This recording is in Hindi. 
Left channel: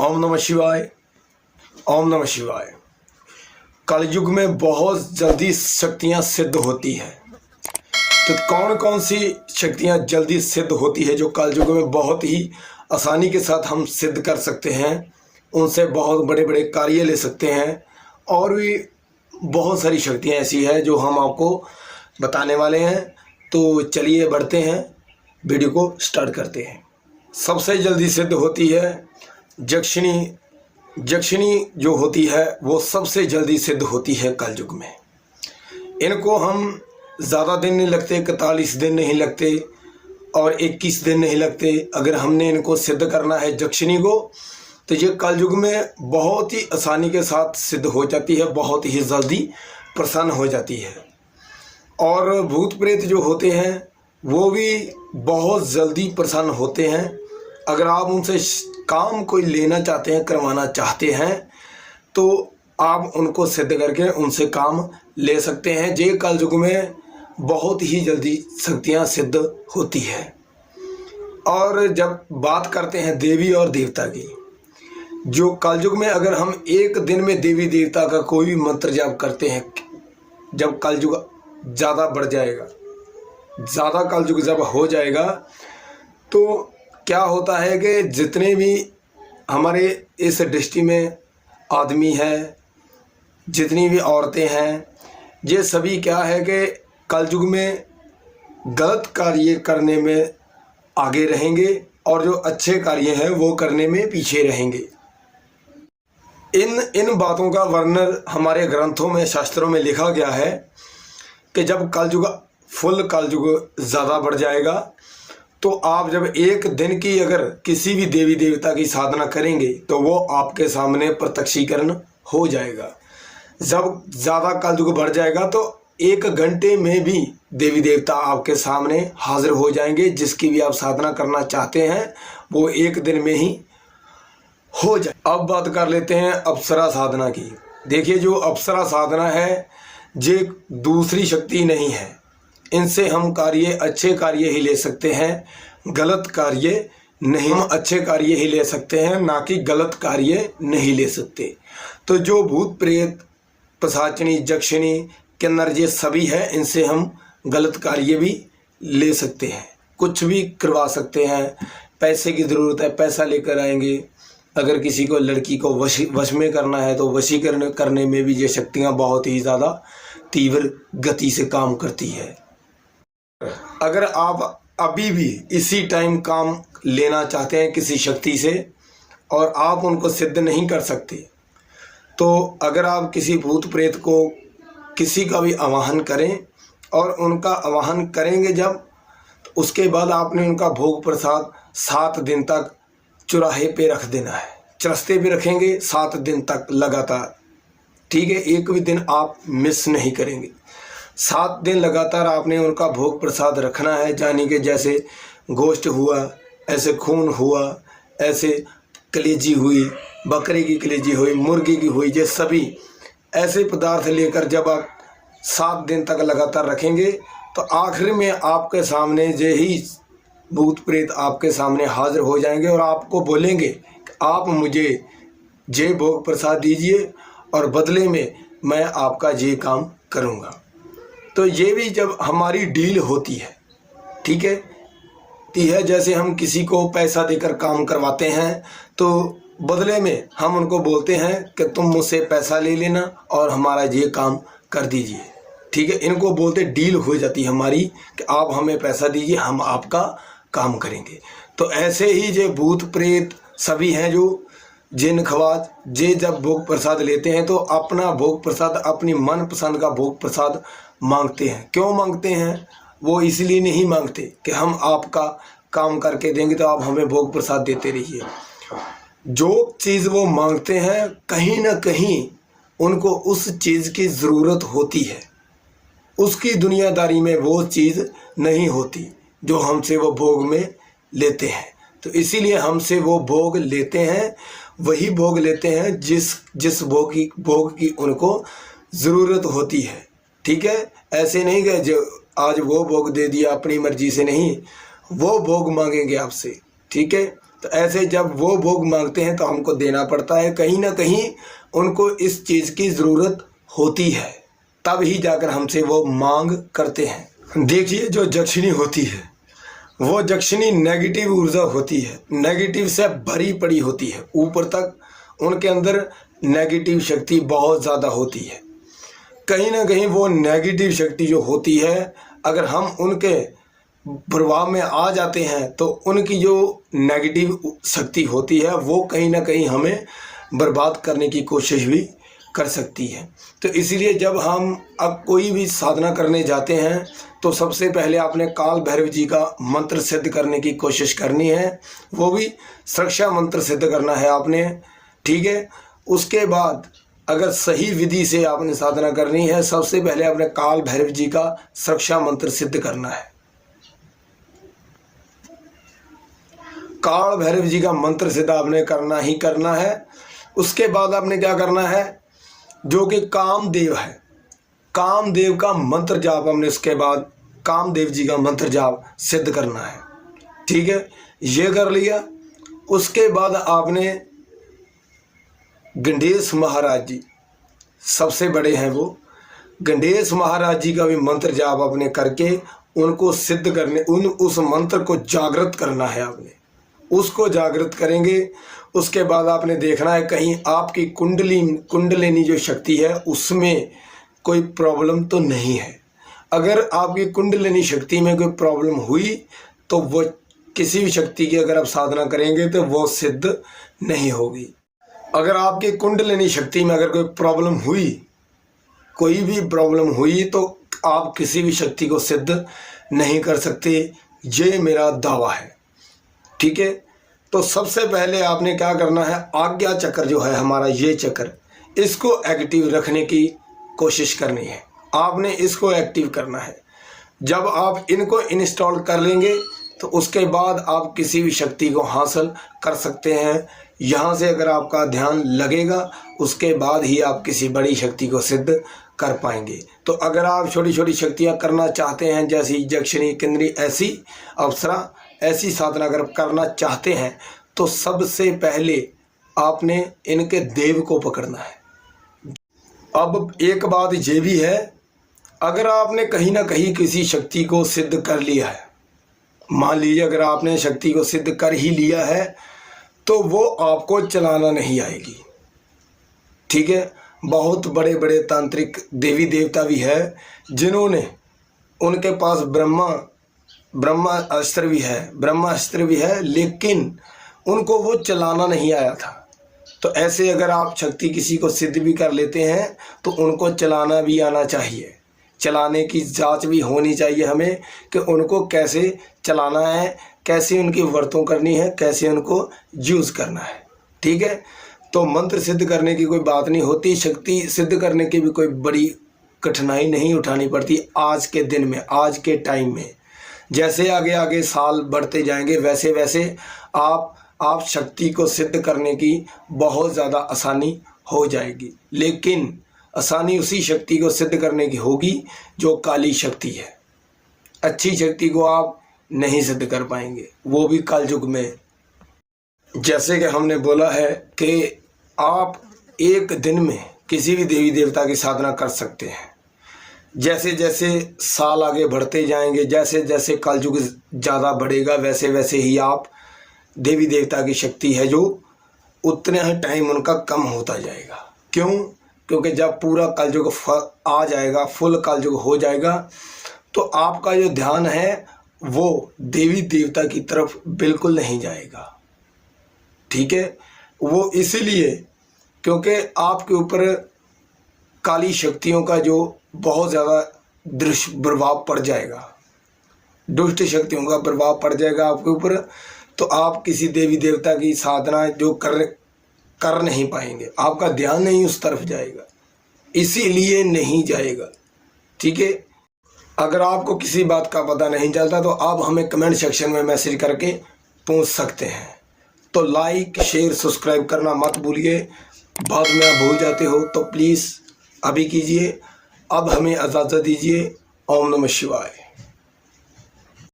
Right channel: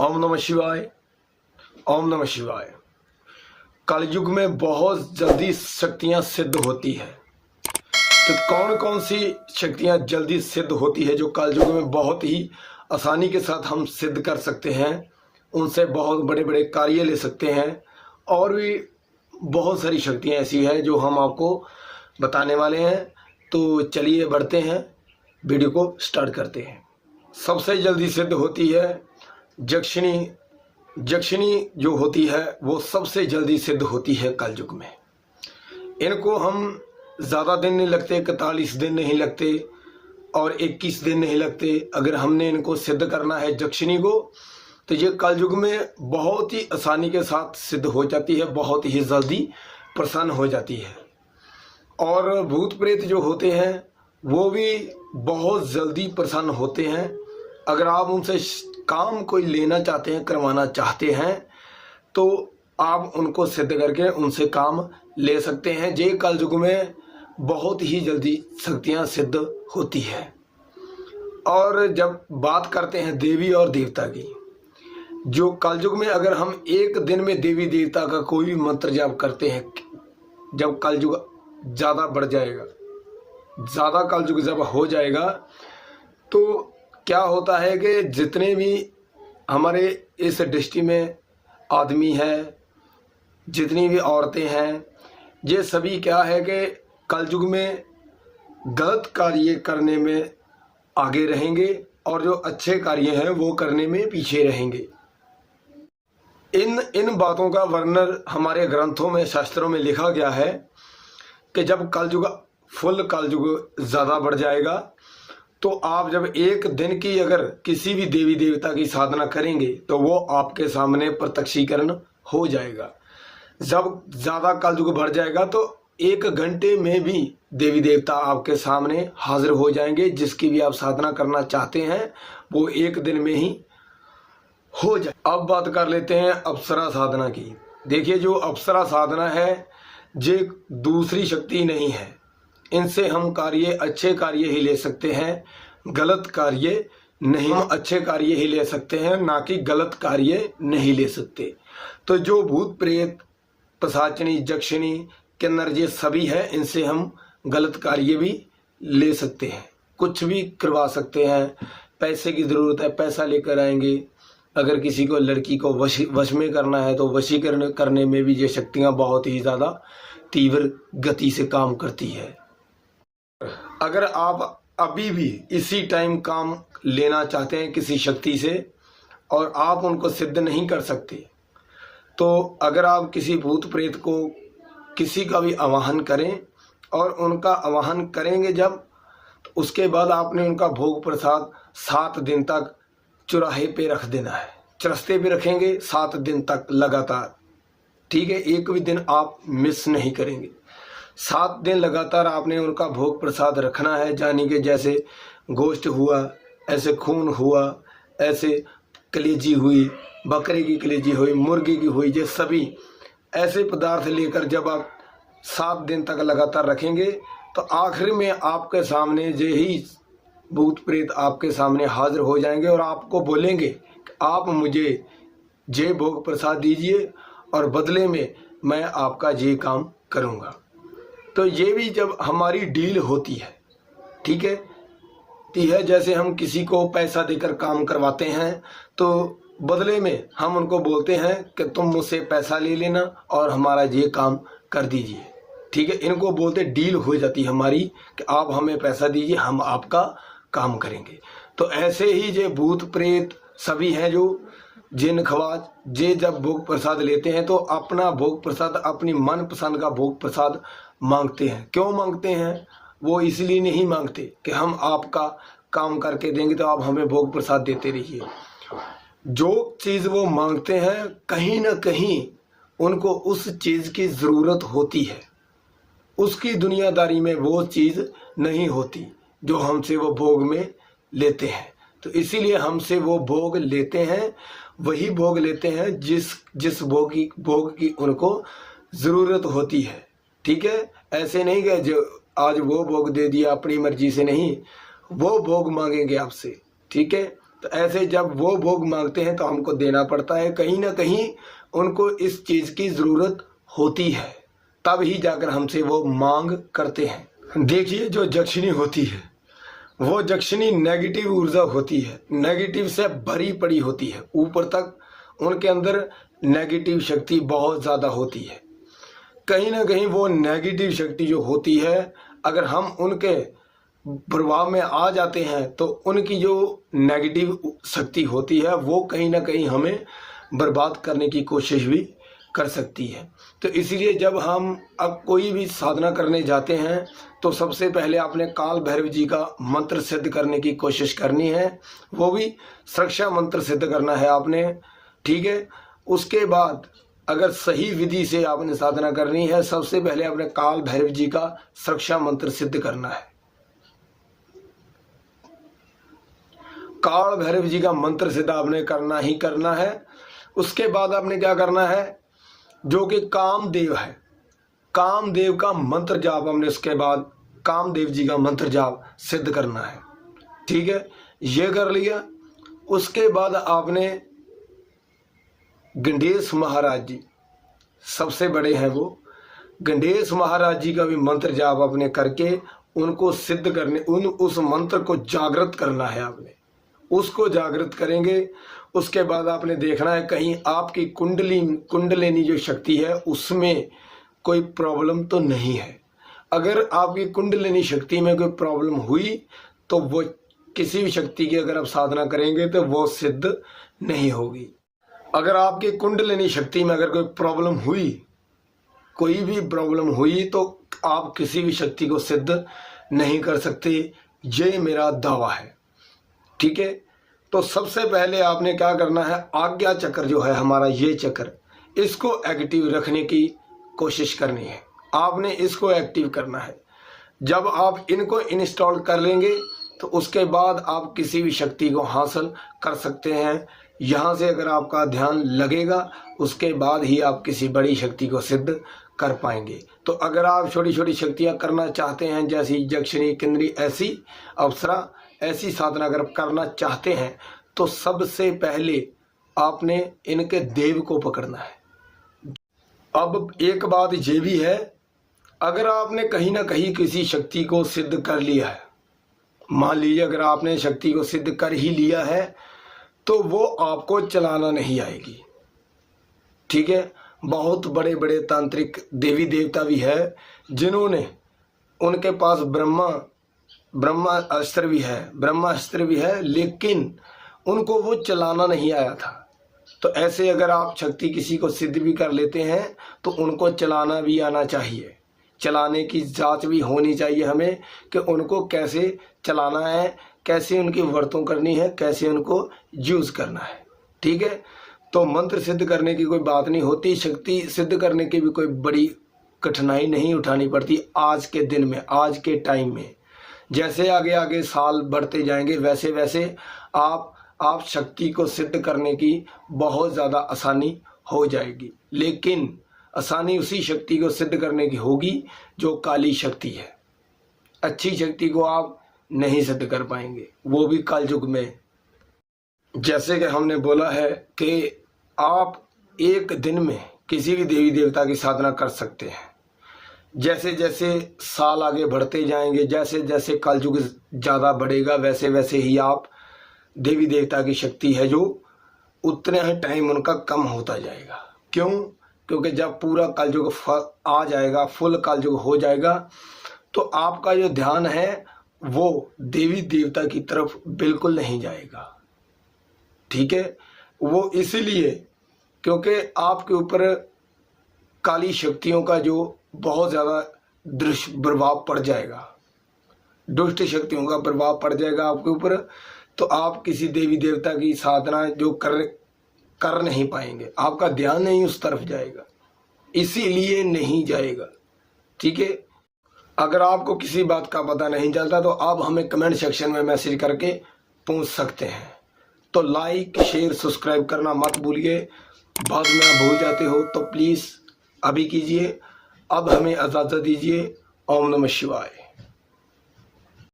ओम नमः शिवाय। ओम नमः शिवाय। कलयुग में बहुत जल्दी शक्तियां सिद्ध होती हैं। तो कौन कौन सी शक्तियां जल्दी सिद्ध होती है जो कलयुग में बहुत ही आसानी के साथ हम सिद्ध कर सकते हैं, उनसे बहुत बड़े बड़े कार्य ले सकते हैं। और भी बहुत सारी शक्तियां ऐसी हैं जो हम आपको बताने वाले हैं। तो चलिए बढ़ते हैं, वीडियो को स्टार्ट करते हैं। सबसे जल्दी सिद्ध होती है जक्षिणी। जक्षिणी जो होती है वो सबसे जल्दी सिद्ध होती है कलयुग में। इनको हम ज़्यादा दिन नहीं लगते, 41 दिन नहीं लगते और 21 दिन नहीं लगते। अगर हमने इनको सिद्ध करना है जक्षिणी को, तो ये कलयुग में बहुत ही आसानी के साथ सिद्ध हो जाती है, बहुत ही जल्दी प्रसन्न हो जाती है। और भूत प्रेत जो होते हैं वो भी बहुत जल्दी प्रसन्न होते हैं। अगर आप उनसे काम कोई लेना चाहते हैं, करवाना चाहते हैं, तो आप उनको सिद्ध करके उनसे काम ले सकते हैं। ये कलयुग में बहुत ही जल्दी शक्तियाँ सिद्ध होती है। और जब बात करते हैं देवी और देवता की, जो कलयुग में अगर हम एक दिन में देवी देवता का कोई भी मंत्र जाप करते हैं, जब कलयुग ज़्यादा बढ़ जाएगा, ज़्यादा कलयुग जब हो जाएगा, तो क्या होता है कि जितने भी हमारे इस दृष्टि में आदमी हैं, जितनी भी औरतें हैं, ये सभी क्या है कि कलयुग में गलत कार्य करने में आगे रहेंगे और जो अच्छे कार्य हैं वो करने में पीछे रहेंगे। इन बातों का वर्णन हमारे ग्रंथों में, शास्त्रों में लिखा गया है कि जब कलयुग ज़्यादा बढ़ जाएगा, तो आप जब एक दिन की अगर किसी भी देवी देवता की साधना करेंगे तो वो आपके सामने प्रत्यक्षीकरण हो जाएगा। जब ज़्यादा कलयुग बढ़ जाएगा तो 1 घंटे में भी देवी देवता आपके सामने हाजिर हो जाएंगे। जिसकी भी आप साधना करना चाहते हैं वो 1 दिन में ही हो जाए। अब बात कर लेते हैं अप्सरा साधना की। देखिए, जो अप्सरा साधना है ये दूसरी शक्ति नहीं है। इनसे हम अच्छे कार्य ही ले सकते हैं, गलत कार्य नहीं। हम अच्छे कार्य ही ले सकते हैं, ना कि गलत कार्य नहीं ले सकते। तो जो भूत प्रेत, पिशाचिनी, जक्षिणी, किन्नर ये सभी है, इनसे हम गलत कार्य भी ले सकते हैं, कुछ भी करवा सकते हैं। पैसे की ज़रूरत है, पैसा लेकर आएंगे। अगर किसी को लड़की को वश में करना है तो वशीकरण करने में भी ये शक्तियाँ बहुत ही ज़्यादा तीव्र गति से काम करती है। अगर आप अभी भी इसी टाइम काम लेना चाहते हैं किसी शक्ति से और आप उनको सिद्ध नहीं कर सकते, तो अगर आप किसी भूत प्रेत को किसी का भी आवाहन करें और उनका आवाहन करेंगे जब, तो उसके बाद आपने उनका भोग प्रसाद 7 दिन तक चौराहे पे रख देना है। चरस्ते पे रखेंगे 7 दिन तक लगातार, ठीक है। एक भी दिन आप मिस नहीं करेंगे। 7 दिन लगातार आपने उनका भोग प्रसाद रखना है। यानी कि जैसे गोश्त हुआ, ऐसे खून हुआ, ऐसे कलेजी हुई, बकरे की कलेजी हुई, मुर्गी की हुई, ये सभी ऐसे पदार्थ लेकर जब आप 7 दिन तक लगातार रखेंगे, तो आखिर में आपके सामने यही भूत प्रेत आपके सामने हाजिर हो जाएंगे और आपको बोलेंगे कि आप मुझे ये भोग प्रसाद दीजिए और बदले में मैं आपका ये काम करूँगा। तो ये भी जब हमारी डील होती है, ठीक है, जैसे हम किसी को पैसा देकर काम करवाते हैं, तो बदले में हम उनको बोलते हैं कि तुम मुझसे पैसा ले लेना और हमारा ये काम कर दीजिए, ठीक है। इनको बोलते डील हो जाती है हमारी कि आप हमें पैसा दीजिए, हम आपका काम करेंगे। तो ऐसे ही ये भूत प्रेत सभी हैं जो जिन खवात जे जब भोग प्रसाद लेते हैं तो अपना भोग प्रसाद, अपनी मनपसंद का भोग प्रसाद मांगते हैं। क्यों मांगते हैं? वो इसलिए नहीं मांगते कि हम आपका काम करके देंगे तो आप हमें भोग प्रसाद देते रहिए। जो चीज़ वो मांगते हैं, कहीं ना कहीं उनको उस चीज़ की ज़रूरत होती है। उसकी दुनियादारी में वो चीज़ नहीं होती जो हमसे वो भोग में लेते हैं। तो इसीलिए हमसे वो भोग लेते हैं, वही भोग लेते हैं जिस भोग की उनको ज़रूरत होती है, ठीक है। ऐसे नहीं कि जो आज वो भोग दे दिया अपनी मर्जी से, नहीं, वो भोग मांगेंगे आपसे, ठीक है। तो ऐसे जब वो भोग मांगते हैं तो हमको देना पड़ता है। कहीं ना कहीं उनको इस चीज़ की ज़रूरत होती है, तब ही जाकर हमसे वो मांग करते हैं। देखिए, जो दक्षिणी होती है वो दक्षिणी नेगेटिव ऊर्जा होती है, नेगेटिव से भरी पड़ी होती है। ऊपर तक उनके अंदर नेगेटिव शक्ति बहुत ज़्यादा होती है। कहीं ना कहीं वो नेगेटिव शक्ति जो होती है, अगर हम उनके प्रभाव में आ जाते हैं तो उनकी जो नेगेटिव शक्ति होती है वो कहीं ना कहीं हमें बर्बाद करने की कोशिश भी कर सकती है। तो इसलिए जब हम अब कोई भी साधना करने जाते हैं तो सबसे पहले आपने काल भैरव जी का मंत्र सिद्ध करने की कोशिश करनी है, वो भी सुरक्षा मंत्र सिद्ध करना है आपने, ठीक है। उसके बाद अगर सही विधि से आपने साधना करनी है, सबसे पहले आपने काल भैरव जी का सुरक्षा मंत्र सिद्ध करना है। काल भैरव जी का मंत्र सिद्ध आपने करना ही करना है। उसके बाद आपने क्या करना है, जो कि कामदेव है, कामदेव का मंत्र जाप हमने उसके बाद कामदेव जी का मंत्र जाप सिद्ध करना है, ठीक है। ये कर लिया। उसके बाद आपने गणेश महाराज जी सबसे बड़े हैं, वो गणेश महाराज जी का भी मंत्र जाप आपने करके उनको सिद्ध करने, उस मंत्र को जागृत करना है आपने, उसको जागृत करेंगे। उसके बाद आपने देखना है कहीं आपकी कुंडलिनी जो शक्ति है उसमें कोई प्रॉब्लम तो नहीं है। अगर आपकी कुंडलिनी शक्ति में कोई प्रॉब्लम हुई तो वो किसी भी शक्ति की अगर आप साधना करेंगे तो वो सिद्ध नहीं होगी। अगर आपकी कुंडलिनी शक्ति में अगर कोई प्रॉब्लम हुई, कोई भी प्रॉब्लम हुई, तो आप किसी भी शक्ति को सिद्ध नहीं कर सकते, ये मेरा दावा है, ठीक है। तो सबसे पहले आपने क्या करना है, आज्ञा चक्र जो है हमारा, ये चक्र, इसको एक्टिव रखने की कोशिश करनी है। आपने इसको एक्टिव करना है। जब आप इनको इंस्टॉल कर लेंगे तो उसके बाद आप किसी भी शक्ति को हासिल कर सकते हैं। यहाँ से अगर आपका ध्यान लगेगा उसके बाद ही आप किसी बड़ी शक्ति को सिद्ध कर पाएंगे। तो अगर आप छोटी छोटी शक्तियाँ करना चाहते हैं, जैसी दक्षिणी केंद्री ऐसी अप्सरा ऐसी साधना अगर करना चाहते हैं तो सबसे पहले आपने इनके देव को पकड़ना है। अब एक बात ये भी है, अगर आपने कहीं ना कहीं किसी शक्ति को सिद्ध कर लिया है, मान लीजिए अगर आपने शक्ति को सिद्ध कर ही लिया है तो वो आपको चलाना नहीं आएगी, ठीक है। बहुत बड़े बड़े तांत्रिक देवी देवता भी है जिन्होंने, उनके पास ब्रह्मास्त्र भी है लेकिन उनको वो चलाना नहीं आया था। तो ऐसे अगर आप शक्ति किसी को सिद्ध भी कर लेते हैं तो उनको चलाना भी आना चाहिए, चलाने की जांच भी होनी चाहिए हमें कि उनको कैसे चलाना है, कैसे उनकी वर्तों करनी है, कैसे उनको यूज़ करना है, ठीक है। तो मंत्र सिद्ध करने की कोई बात नहीं होती, शक्ति सिद्ध करने की भी कोई बड़ी कठिनाई नहीं उठानी पड़ती आज के दिन में, आज के टाइम में। जैसे आगे आगे साल बढ़ते जाएंगे वैसे वैसे आप शक्ति को सिद्ध करने की बहुत ज़्यादा आसानी हो जाएगी, लेकिन आसानी उसी शक्ति को सिद्ध करने की होगी जो काली शक्ति है। अच्छी शक्ति को आप नहीं सिद्ध कर पाएंगे, वो भी कलयुग में। जैसे कि हमने बोला है कि आप एक दिन में किसी भी देवी देवता की साधना कर सकते हैं। जैसे जैसे साल आगे बढ़ते जाएंगे, जैसे जैसे कलयुग ज़्यादा बढ़ेगा, वैसे वैसे ही आप देवी देवता की शक्ति है जो उतने ही टाइम उनका कम होता जाएगा। क्यों? क्योंकि जब पूरा कलयुग आ जाएगा, फुल कलयुग हो जाएगा, तो आपका जो ध्यान है वो देवी देवता की तरफ बिल्कुल नहीं जाएगा, ठीक है। वो इसीलिए क्योंकि आपके ऊपर काली शक्तियों का जो बहुत ज़्यादा दुष्प्रभाव पड़ जाएगा, दुष्ट शक्तियों का प्रभाव पड़ जाएगा आपके ऊपर, तो आप किसी देवी देवता की साधना जो कर नहीं पाएंगे, आपका ध्यान नहीं उस तरफ जाएगा, इसीलिए नहीं जाएगा, ठीक है। अगर आपको किसी बात का पता नहीं चलता तो आप हमें कमेंट सेक्शन में मैसेज करके पूछ सकते हैं। तो लाइक शेयर सब्सक्राइब करना मत भूलिए, बाद में आप भूल जाते हो तो प्लीज़ अभी कीजिए। अब हमें इजाज़त दीजिए। ओम नमः शिवाय।